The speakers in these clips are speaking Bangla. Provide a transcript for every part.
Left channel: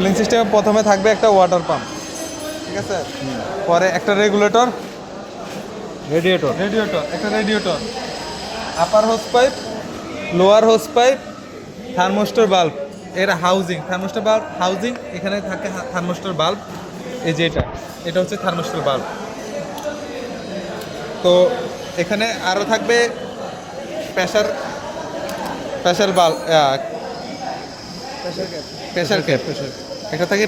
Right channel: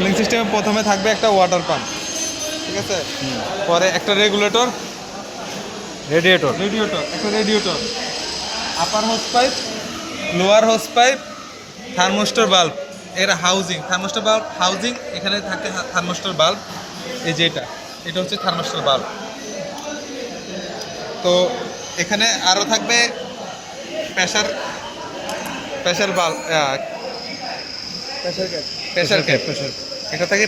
কুলিং সিস্টেমে প্রথমে থাকবে একটা ওয়াটার পাম্প, ঠিক আছে, পরে একটা রেগুলেটর, একটা radiator, upper hose pipe, lower hose pipe, thermostat bulb, এর হাউজিং, থার্মোস্টার বাল্ব হাউজিং, এখানে থাকে থার্মোস্টার বাল্ব, এই যে এটা হচ্ছে থার্মোস্টার বাল্ব। তো এখানে আরও থাকবে pressure pressure bulb, pressure cap, এটা থাকে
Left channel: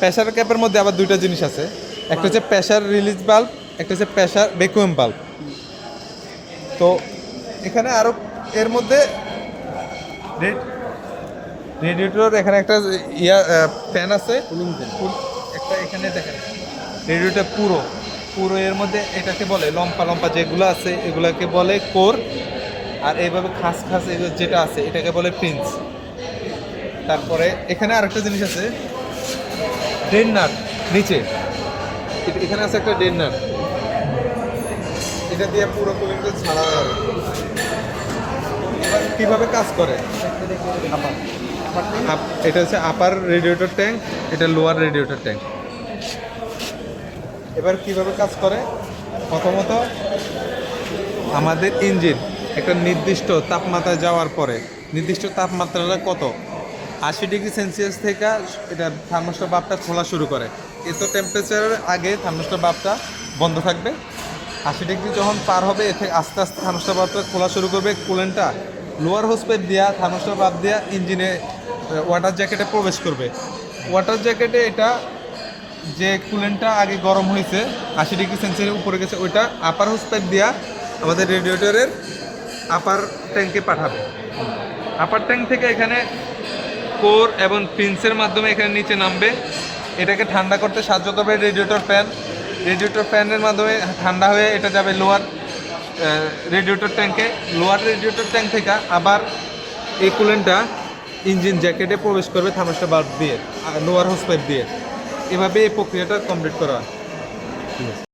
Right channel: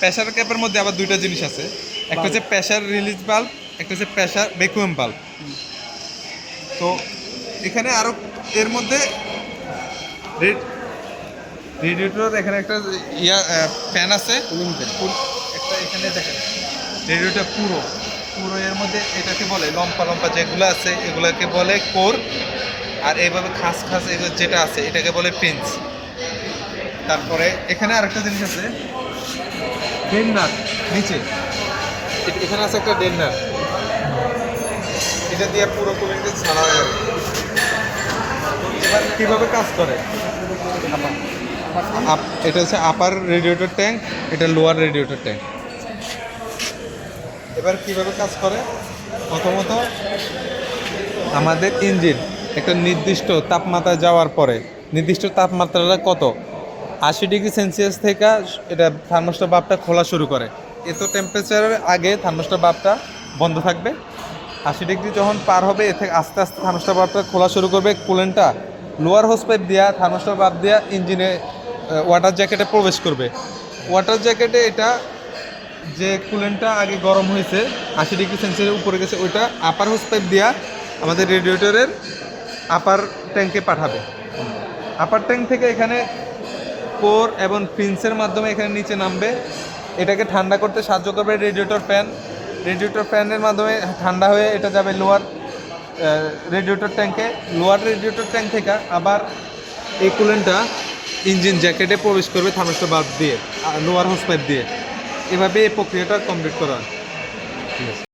প্রেসার ক্যাপের মধ্যে আবার দুইটা জিনিস আছে, একটা হচ্ছে প্রেসার রিলিজ বাল্ব, একটা হচ্ছে প্রেসার ভ্যাকুয়াম বাল্ব। তো এখানে আরও এর মধ্যে রেডিয়েটর, এখানে একটা ফ্যান আছে, একটা এখানে দেখেন রেডিয়েটর পুরো এর মধ্যে এটাকে বলে লম্পা লম্পা যেগুলো আছে এগুলোকে বলে কোর, আর এইভাবে খাস এগুলো যেটা আছে এটাকে বলে পিন্স। তারপরে এখানে আরেকটা জিনিস আছে, ডেন্নার নিচে, এখানে আছে একটা ডেন্নার, এটা দিয়ে পুরো কুলিংটা ছাড়া হয়। এবার কীভাবে কাজ করে, এটা হচ্ছে আপার রেডিয়েটর ট্যাঙ্ক, এটা লোয়ার রেডিয়েটর ট্যাঙ্ক। এবার কিভাবে কাজ করে, প্রথমত আমাদের ইঞ্জিন একটা নির্দিষ্ট তাপমাত্রায় যাওয়ার পরে, নির্দিষ্ট তাপমাত্রাটা কত, 80°C থেকে এটা থার্মোস্টার বাল্বটা খোলা শুরু করে। এত টেম্পারেচারের আগে থার্মোস্টার বাল্বটা বন্ধ থাকবে, 80° যখন পার হবে এ থেকে আস্তে আস্তে থার্মোস্টার বাল্বটা খোলা শুরু করবে। কুলেন্টটা লোয়ার হোস পাইপ দেওয়া থার্মোস্টার বাল্ব দেওয়া ইঞ্জিনে ওয়াটার জ্যাকেটে প্রবেশ করবে। ওয়াটার জ্যাকেটে এটা যে কুলেন্টটা আগে গরম হয়েছে 80°C উপরে গেছে, ওইটা আপার হোস পাইপ দেওয়া আমাদের রেডিয়েটরের আপার ট্যাঙ্কে পাঠাবে। আপার ট্যাঙ্ক থেকে এখানে কোর এবং পিন্সের মাধ্যমে এখানে নিচে নামবে, এটাকে ঠান্ডা করতে সাহায্য করবে রেডিয়েটর ফ্যানের মাধ্যমে ঠান্ডা হয়ে এটা যাবে লোয়ার রেডিয়েটর ট্যাঙ্কে। লোয়ার রেডিয়েটর ট্যাঙ্ক থেকে আবার এই কুলেন্টটা ইঞ্জিন জ্যাকেটে প্রবেশ করবে থার্মোস্টার বাল্ব দিয়ে, লোয়ার হোস পাইপ দিয়ে। এভাবে এই প্রক্রিয়াটা কমপ্লিট করা হয়। ঠিক আছে।